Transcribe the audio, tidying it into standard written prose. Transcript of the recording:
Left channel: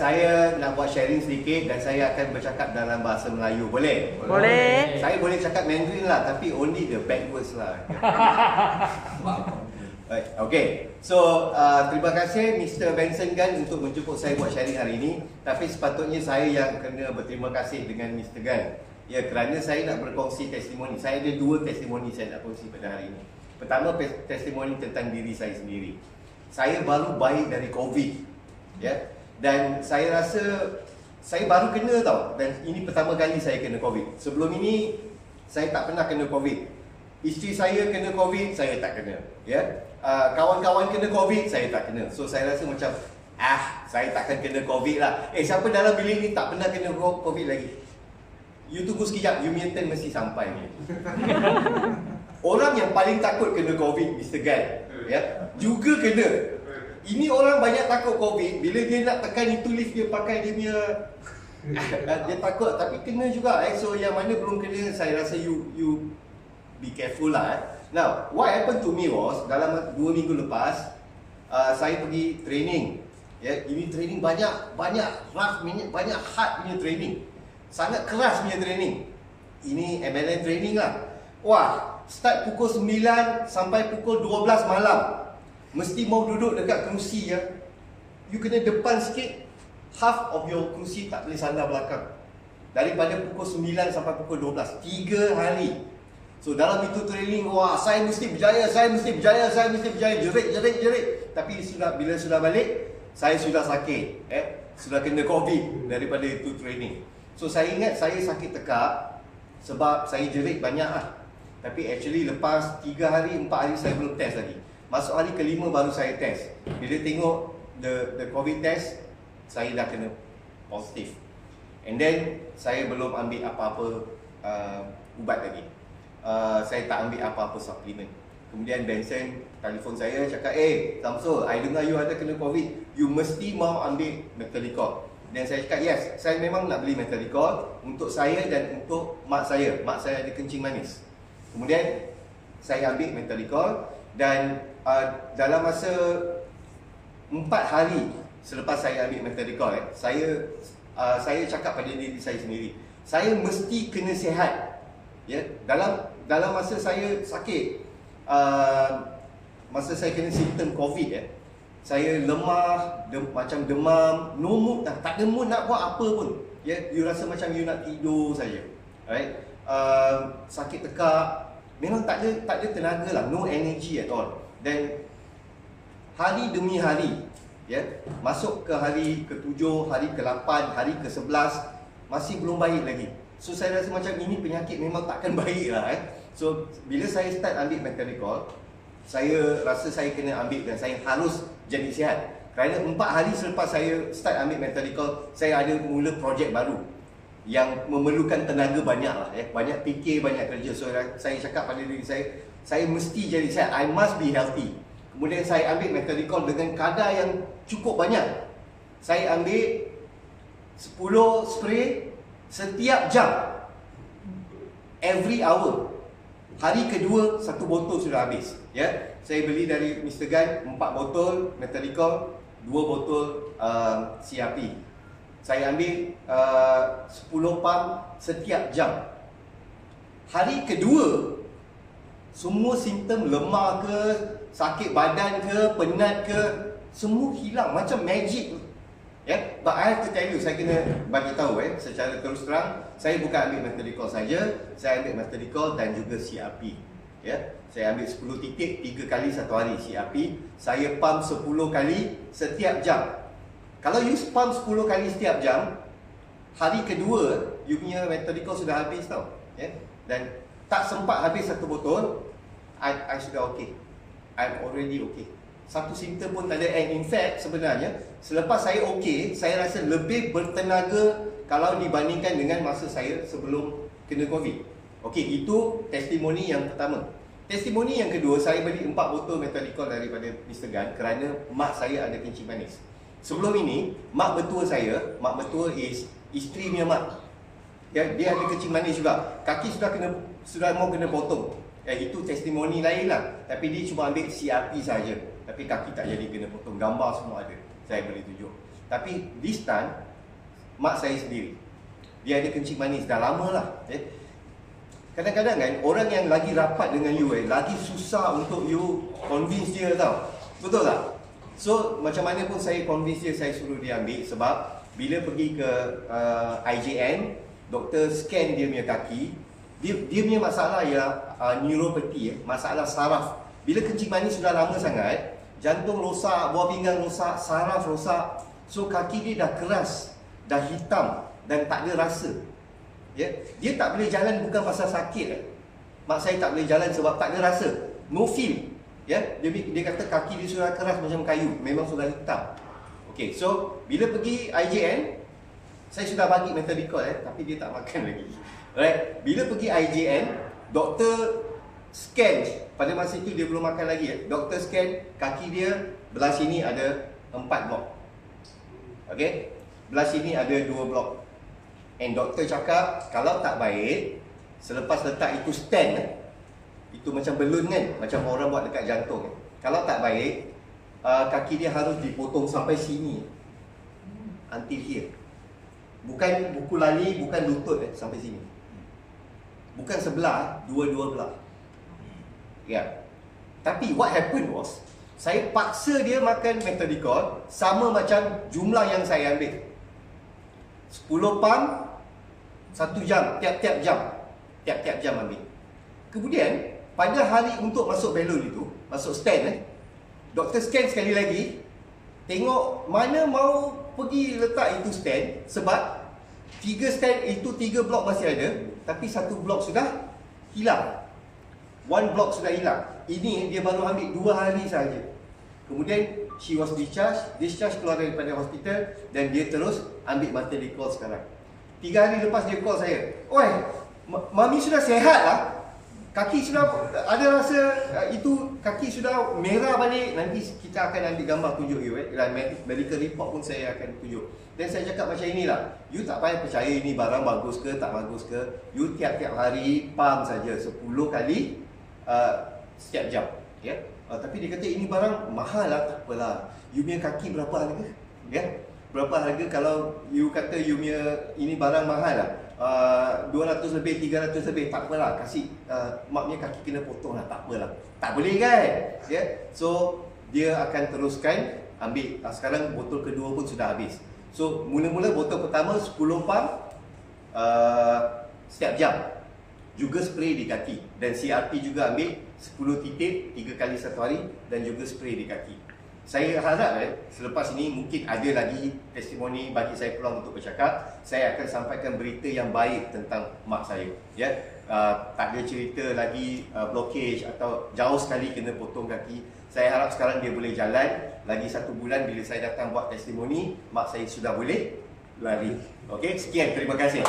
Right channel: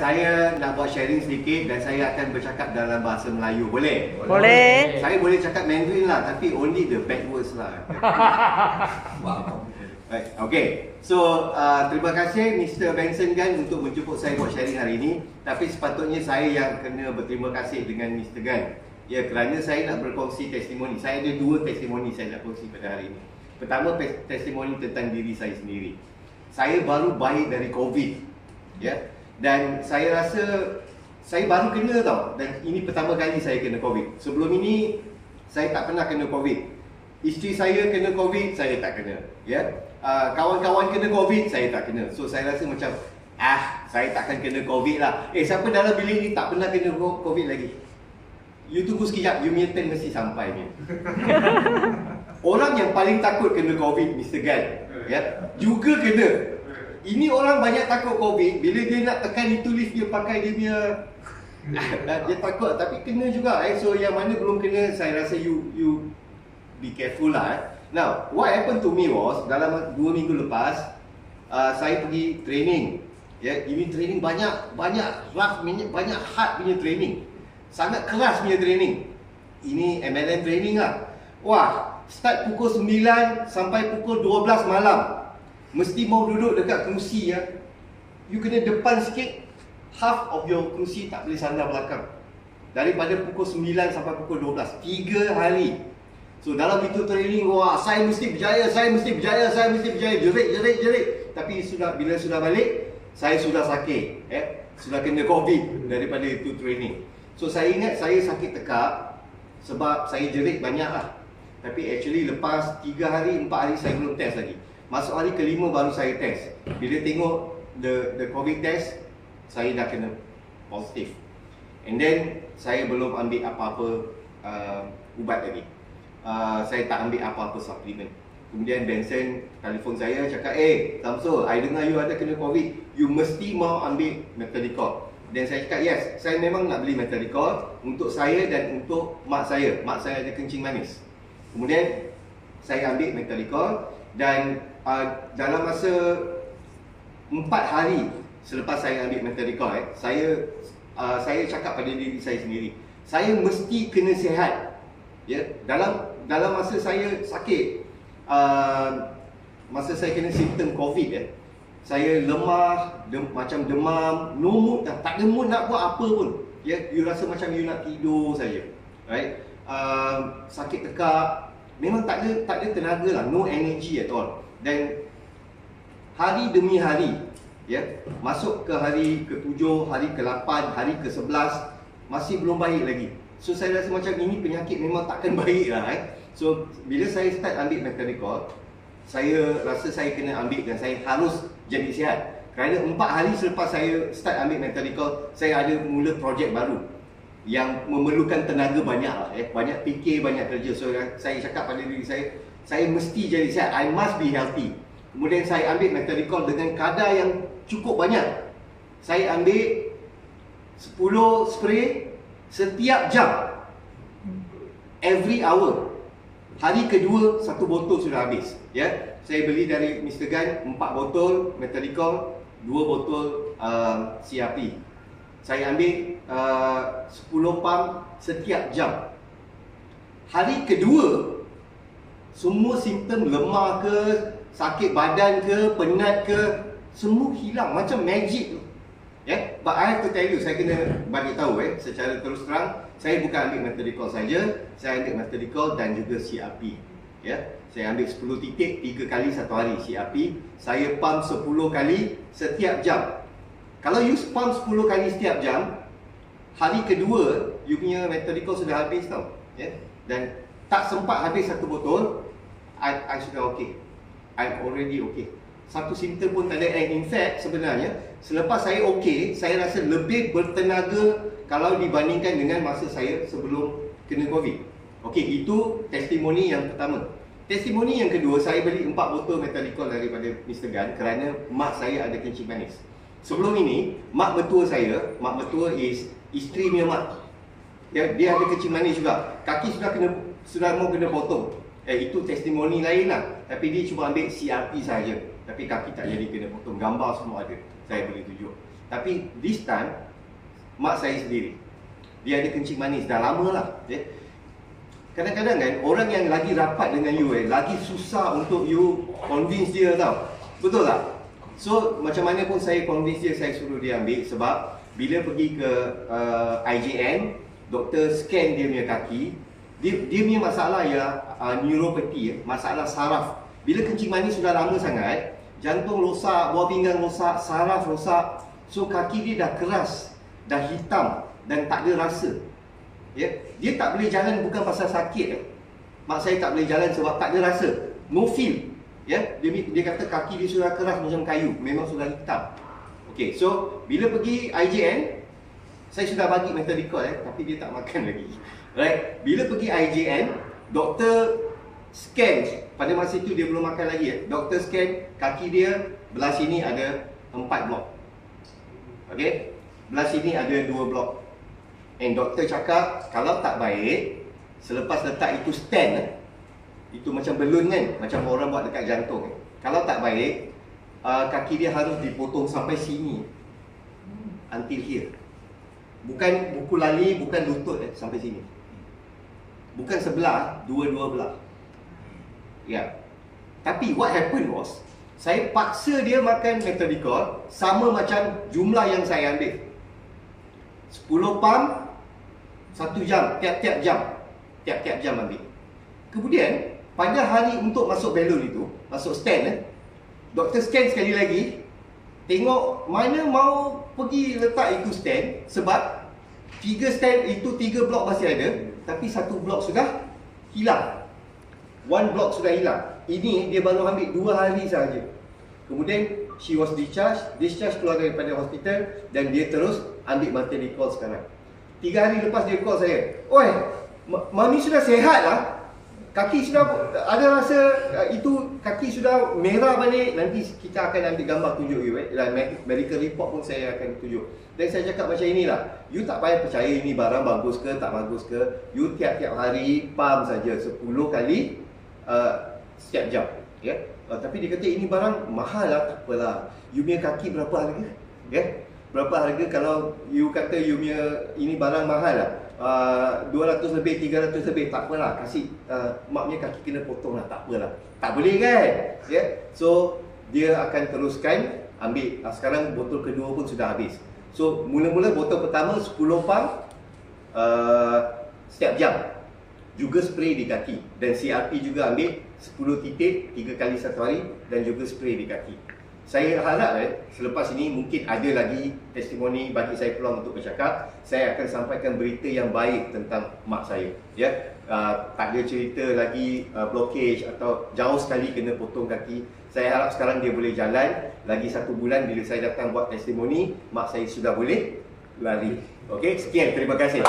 saya nak buat sharing sedikit dan saya akan bercakap dalam bahasa Melayu. Boleh? Boleh. Saya boleh cakap Mandarin lah, tapi only the bad words lah. Right. Okay. So, terima kasih Mr. Benson Gan untuk menjemput saya buat sharing hari ini. Tapi sepatutnya saya yang kena berterima kasih dengan Mr. Gan. Ya, kerana saya nak berkongsi testimoni. Saya ada 2 testimoni saya nak kongsi pada hari ini. Pertama, testimoni tentang diri saya sendiri. Saya baru baik dari COVID. Ya. Dan saya rasa saya baru kena tau. Dan ini pertama kali saya kena COVID. Sebelum ini saya tak pernah kena COVID. Isteri saya kena COVID, saya tak kena. Ya. Kawan-kawan kena COVID, saya tak kena. So saya rasa macam saya takkan kena COVID lah. Siapa dalam bilik ni tak pernah kena COVID lagi? You tunggu sekejap, you punya turn mesti sampai ni. Orang yang paling takut kena COVID, Mr. Gan, ya, juga kena. Ini orang banyak takut COVID. Bila dia nak tekan itu lift, dia pakai dia punya dia takut, tapi kena juga. So yang mana belum kena, saya rasa you be careful lah. Now, what happened to me was, dalam 2 minggu lepas, saya pergi training. Ya, ini training banyak rough, banyak hard punya training. Sangat keras punya training. Ini MLM training lah. Wah, start pukul 9 sampai pukul 12 malam. Mesti mau duduk dekat kerusi ya. You kena depan sikit, half of your kerusi tak boleh sandar belakang. Daripada pukul 9 sampai pukul 12, 3 hari. So dalam itu training, wah, saya mesti berjaya, jerit. Tapi bila sudah balik, saya sudah sakit, sudah kena COVID daripada itu training. So saya ingat saya sakit tekak sebab saya jerit banyak lah. Tapi actually lepas 3 hari, 4 hari saya belum test lagi. Masuk hari ke-5 baru saya test. Bila tengok the COVID test, saya dah kena positif. And then saya belum ambil apa-apa ubat lagi. Saya tak ambil apa-apa suplemen. Kemudian Benson telefon saya cakap, Samsul, I dengar you ada kena COVID, you mesti mau ambil Metadicol. Dan saya cakap, yes, saya memang nak beli Metadicol untuk saya dan untuk mak saya. Mak saya ada kencing manis. Kemudian saya ambil Metadicol dan dalam masa 4 hari selepas saya ambil Metadicol, saya cakap pada diri saya sendiri, saya mesti kena sihat. Ya, dalam masa saya sakit, masa saya kena simptom COVID, saya lemah, macam demam, no mood, tak ada mood nak buat apa pun. Ya, you rasa macam you nak tidur saja. Right? Sakit tekak, memang tak ada tenaga lah, no energy at all. Dan hari demi hari, ya, masuk ke hari ke-7, hari ke-8, hari ke-11, masih belum baik lagi. So saya rasa macam ini penyakit memang takkan baik lah. So bila saya start ambil Metadicol, saya rasa saya kena ambil dan saya harus jadi sihat. Kerana 4 hari selepas saya start ambil Metadicol, saya ada mula projek baru yang memerlukan tenaga banyak lah. Banyak fikir, banyak kerja. So saya cakap pada diri saya mesti jadi sihat. I must be healthy. Kemudian saya ambil Metadicol dengan kadar yang cukup banyak. Saya ambil 10 spray setiap jam, every hour. Hari kedua 1 botol sudah habis. Ya, saya beli dari Mr. Gan 4 botol Metadicol, 2 botol CRP. Saya ambil 10 pump setiap jam. Hari kedua, semua simptom lemah ke, sakit badan ke, penat ke, semua hilang macam magic. But I have to tell you, saya kena bagi tahu secara terus terang, saya bukan ambil Metadicol saja, saya ambil Metadicol dan juga CRP. Saya ambil 10 titik 3 kali 1 hari CRP. Saya pump 10 kali setiap jam. Kalau you pump 10 kali setiap jam, hari kedua you punya Metadicol sudah habis tau. Dan tak sempat habis 1 botol, I sudah okay. I'm already okay. Satu simptom pun tak ada. And in fact sebenarnya selepas saya okey, saya rasa lebih bertenaga kalau dibandingkan dengan masa saya sebelum kena COVID. Okey, itu testimoni yang pertama. Testimoni yang kedua, saya beli 4 botol Metadicol daripada Mr. Gan kerana mak saya ada kencing manis. Sebelum ini, mak mertua saya, mak mertua is isteri punya mak. Dia ada kencing manis juga. Kaki sudah mau kena potong. Itu testimoni lain lah. Tapi dia cuma ambil CRP saja. Tapi kaki tak jadi kena potong. Gambar semua ada. Saya boleh tunjuk. Tapi this time mak saya sendiri, dia ada kencing manis dah lama lah. Kadang-kadang kan orang yang lagi rapat dengan you lagi susah untuk you convince dia tau. Betul tak? So macam mana pun saya convince dia, saya suruh dia ambil. Sebab bila pergi ke IJN, doktor scan dia punya kaki, dia punya masalah neuropathy, masalah saraf. Bila kencing manis sudah lama sangat, jantung rosak, buah pinggang rosak, saraf rosak. So kaki dia dah keras, dah hitam dan tak ada rasa. Dia tak boleh jalan bukan pasal sakit. Mak saya tak boleh jalan sebab tak ada rasa, no feel. Dia kata kaki dia sudah keras macam kayu, memang sudah hitam. Okay, so bila pergi IJN, saya sudah bagi methodicol tapi dia tak makan lagi. Right? Bila pergi IJN, doktor scan, pada masa itu dia belum makan lagi. Doktor scan kaki dia, belah sini ada 4 blok. Okay? Belah sini ada 2 blok. And doktor cakap kalau tak baik, selepas letak itu stand, itu macam balloon kan, macam orang buat dekat jantung. Kalau tak baik, kaki dia harus dipotong sampai sini, until here. Bukan buku lali, bukan lutut sampai sini. Bukan sebelah, dua-dua belah. Tapi what happened was, saya paksa dia makan methodicol sama macam jumlah yang saya ambil. 10 pam 1 jam, tiap-tiap jam ambil. Kemudian pada hari untuk masuk balloon itu, masuk stand, doktor scan sekali lagi, tengok mana mau pergi letak itu stand. Sebab 3 stand itu, 3 blok masih ada, tapi 1 blok sudah hilang. 1 blok sudah hilang. Ini dia baru ambil 2 hari sahaja. Kemudian she was discharge keluar daripada hospital, dan dia terus ambil methodicol sekarang. 3 hari lepas dia call saya, "Oi, mami sudah sehat lah. Kaki sudah ada rasa, itu kaki sudah merah balik. Nanti kita akan ambil gambar tunjuk you. Medical report pun saya akan tunjuk." Dan saya cakap macam inilah, you tak payah percaya ini barang bagus ke tak bagus ke. You tiap-tiap hari pam saja 10 kali setiap jam. Tapi dia kata ini barang mahal lah. Tak apalah. You punya kaki berapa harga? Berapa harga kalau you kata you punya ini barang mahal lah, 200 lebih, 300 lebih, tak apalah, kasih mak punya kaki kena potong lah, tak apalah. Tak boleh kan? So dia akan teruskan ambil. Sekarang botol kedua pun sudah habis. So mula-mula botol pertama 10 pam setiap jam, juga spray di kaki. Dan CRP juga ambil 10 titik 3 kali 1 hari, dan juga spray di kaki. Saya harap selepas ini mungkin ada lagi testimoni bagi saya peluang untuk bercakap. Saya akan sampaikan berita yang baik tentang mak saya. Tak ada cerita lagi blockage atau jauh sekali kena potong kaki. Saya harap sekarang dia boleh jalan. Lagi 1 bulan bila saya datang buat testimoni, mak saya sudah boleh lari. Okey, sekian, terima kasih.